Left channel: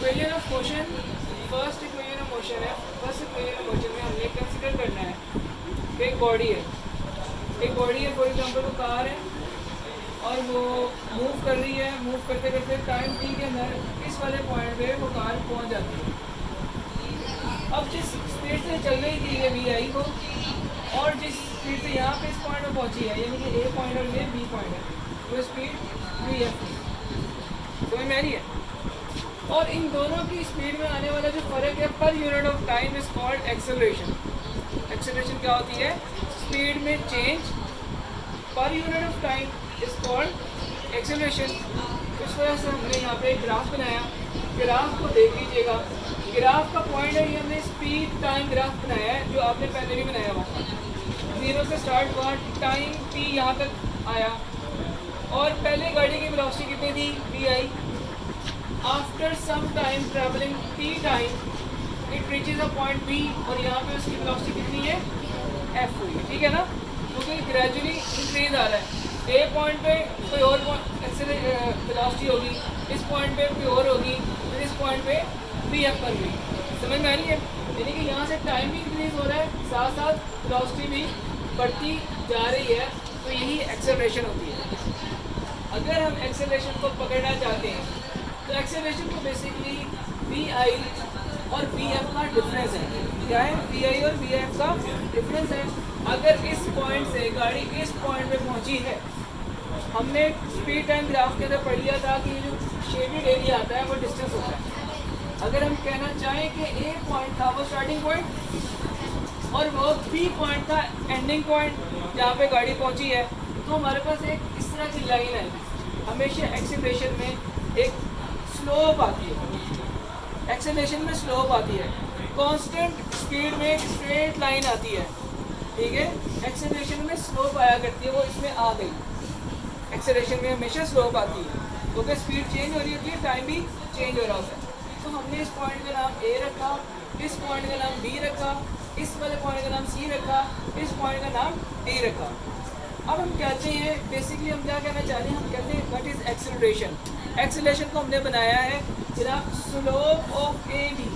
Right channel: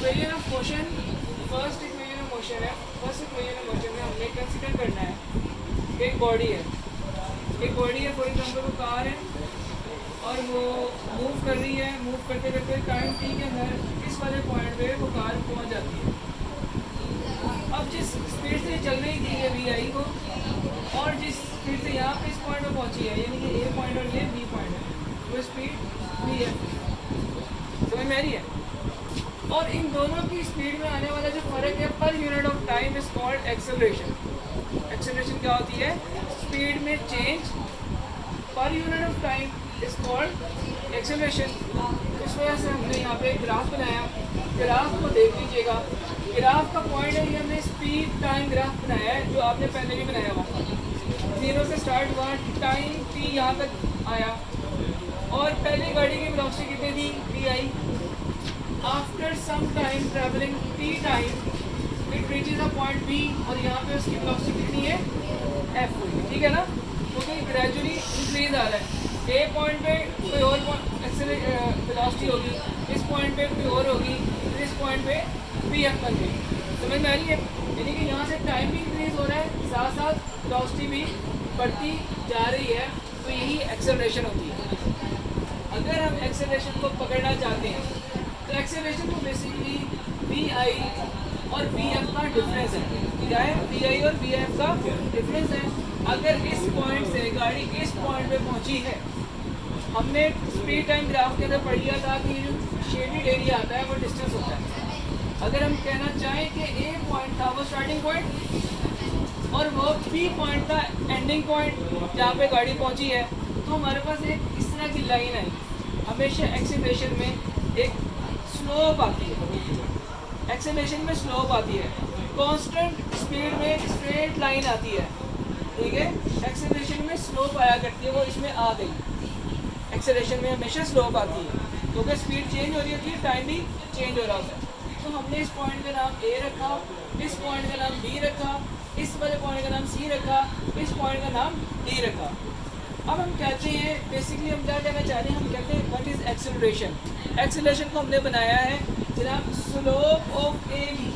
Equation of motion, first equation of motion है। First equation of motion में हमने consider करना है कि एक बॉडी है, फॉर एग्जांपल वो कार है और वो मूव कर रही है। मूव करते करते टाइम टी के अंदर इस वाले पॉइंट पे वो कार पहुंच जाती है। अब जिस स्पीड से चल रही थी ये वी आई को, और जिस स्पीड से यहाँ पे इस पॉइंट पे पहुंची है, यानी कि ए पॉइंट और ये बी पॉइंट है, वो स्पीड वी एफ समझ में आ रही है। और इन दोनों की स्पीड में आने वाला जो फ़र्क है per unit of time is called acceleration. Acceleration क्या होती है? स्पीड में change per unit of time is called acceleration. इस वजह से हमने यहाँ पे एक ग्राफ बनाया। ग्राफ को देख लीजिएगा, ग्राफ का पॉइंट है, ये हमने स्पीड टाइम ग्राफ बनाया है जो आपने पहले भी बनाया हुआ। 0 से स्टार्ट हुआ, टाइम टी यहाँ तक आया, और पहले गाड़ी की वेलोसिटी कितनी थी? V I. After some time travelling T time it reaches a point B, और यहाँ पे उसकी वेलोसिटी कितनी है? एफ हुई, ठीक है ना। क्योंकि ग्रेजुअली इंक्रीज आ रहा है। ए पॉइंट पे कोई और वेलोसिटी होगी, इस पॉइंट पे कोई और होगी, फिर इस पॉइंट पे वी एफ बन गई। समझ में आ रही है? यानी कि यहाँ से टाइम भी इंक्रीज हो रहा है, साथ साथ वेलोसिटी भी बढ़ती जा रही है। तो यही एक्सेलरेशन होती है। अगर हम एक्सेलरेशन को पकड़ना चाहते हैं तो एक्सेलरेशन को बेसिकली वी आई और वी एफ का डिफरेंस है। क्या है? वी आई और वी एफ का डिफरेंस है। अगर इस पॉइंट से गाड़ी इस पॉइंट पे पहुंची है, हमने स्पीड टाइम ग्राफ के अंदर पढ़ लिया था कि ये जो शेडेड एरिया आता है वो डिस्टेंस होता है। अगर हम कहना चाहें कि ए पॉइंट था वो स्टार्टिंग पॉइंट और वो बी पॉइंट था एंडिंग पॉइंट जहाँ पे गाड़ी पहुंची है, तो हमारे पास एक इस तरह की लाइन आएगी। हमेशा एक्सेलरेशन में एक स्लोप आती है, एक्सेलरेशन में स्लोप आती है। कांस्टेंट स्पीड में स्ट्रेट लाइन आती है, ठीक है। एक्सेलरेशन में स्लोप आया करती है, वो इसमें आ गई। एक्सेलरेशन में हमेशा स्लोप आती है क्योंकि स्पीड चेंज हो रही होती है, टाइम भी चेंज हो रहा होता है। तो हमने इस पॉइंट का नाम ए रखा, इस पॉइंट का नाम बी रखा, इस वाले पॉइंट का नाम सी रखा, इस पॉइंट का नाम डी रखा। अब हम कहते हैं, बेसिकली हम क्या कहना चाहते हैं? हम कहते हैं व्हाट इज़ एक्सेलरेशन। एक्सेलरेशन को हमने बनाया है जनाब slope of A B.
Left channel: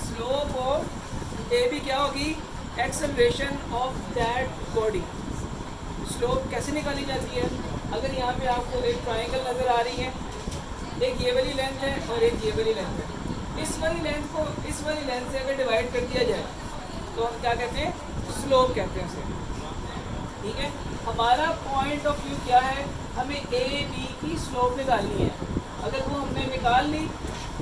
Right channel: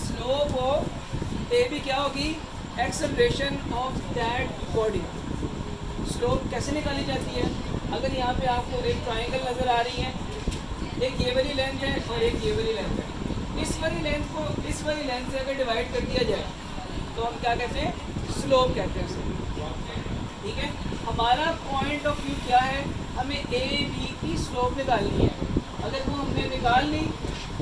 Slope of A B क्या होगी? Acceleration of that body. Slope कैसे निकाली जाती है? अगर यहाँ पे आपको एक ट्राइंगल नज़र आ रही है, एक ये वाली लेंथ है और एक ये वाली लेंथ है। इस वाली लेंथ को इस वाली लेंथ से अगर डिवाइड कर दिया जाए तो हम क्या कहते हैं? स्लोप कहते हैं उसे, ठीक है। हमारा पॉइंट ऑफ व्यू क्या है? हमें ए बी की स्लोप निकालनी है। अगर वो हमने निकाल ली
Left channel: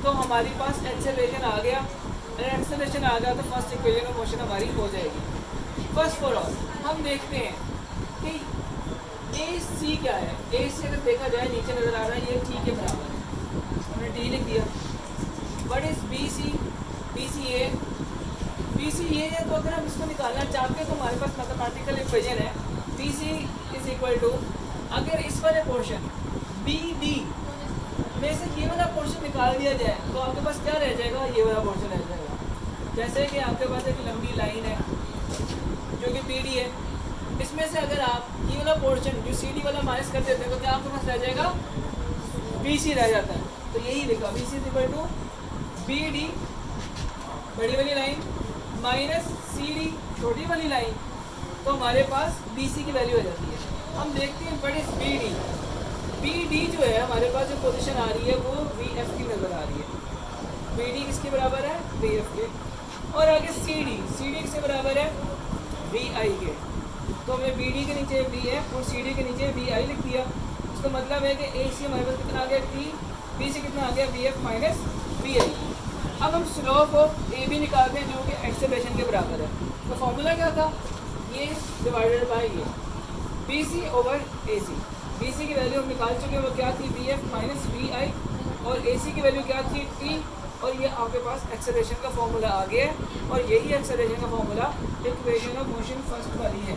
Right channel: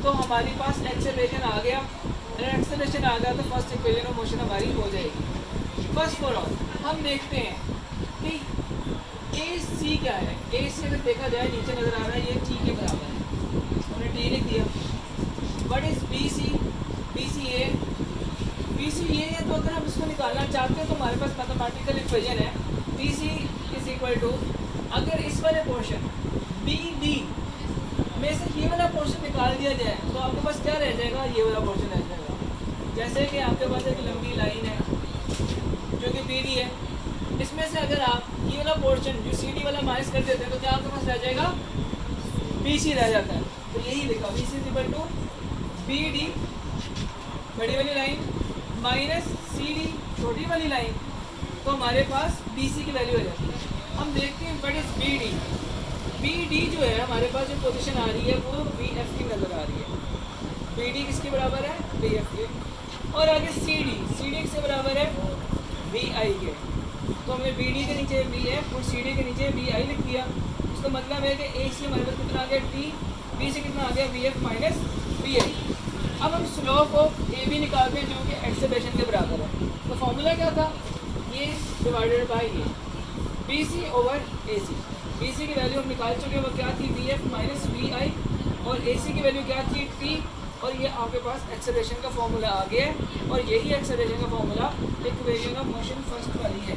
तो हमारे पास एक्सेलरेशन आ गया। अगर एक्सेलरेशन आ गया तो फर्स्ट इक्वेशन ऑफ मोशन हमारी हो जाएगी। फर्स्ट फॉर ऑल हम देखते हैं कि ए सी क्या है। ए सी अगर देखा जाए नीचे नज़र आ रहा है, ये टी के बराबर है, हमने टी लिख दिया। What is B C? B C A, B C ये है। तो अगर हम इसको निकालना चाहते हैं तो हमारे पास मैथमेटिकल इक्वेशन है B C is equal to, अगर इस वाले पोर्शन बी डी में से ये वाला पोर्शन निकाल दिया जाए तो आपके पास क्या रह जाएगा? ये वाला पोर्शन रह जाएगा। जैसे कि आपके पास एक लंबी लाइन है जो कि बी डी है, इसमें से अगर आप ये वाला पोर्शन जो सी डी वाला माइनस कर देते हैं तो क्या आपके पास रह जाएगा? बी सी रह जाता है। तो यही लिखा B C is equal to B D बड़ी वाली लाइन माइनस सी डी छोटी वाली लाइन, तो हमारे पास बी सी की वैल्यू हो जाती है। हम देखते हैं what is B D. B D जो है हमारे पास जो पोजीशन आ रही है वो वी एफ की नज़र आ रही है। बी डी किसके बराबर है? वी एफ के। और आगे सी डी किसके बराबर है? वी आई के। तो हमने बी डी के नीचे वी एफ और सी डी के नीचे वी आई लिख दिया। इसका मतलब है कि ए सी हमारे पास कितना आ गया? टी। बी सी कितना आ गया? वी एफ माइनस वी आई। अब हम स्लोप ऑफ ए बी निकालते हैं जो कि एक्सेलरेशन के बराबर है। तो फॉर्मूला क्या था? ये डिवाइडेड बाई ये बी सी ओवर ए सी। बी सी की वैल्यू हम निकाल चुके हैं, वो क्या थी? वी एफ माइनस वी आई। और ए सी की वैल्यू क्या थी? टी। और ये आपके पास एक्सेलरेशन का फॉर्मूला आ गया है, और यही एक्सेलरेशन का formula equation of motion first वाली है।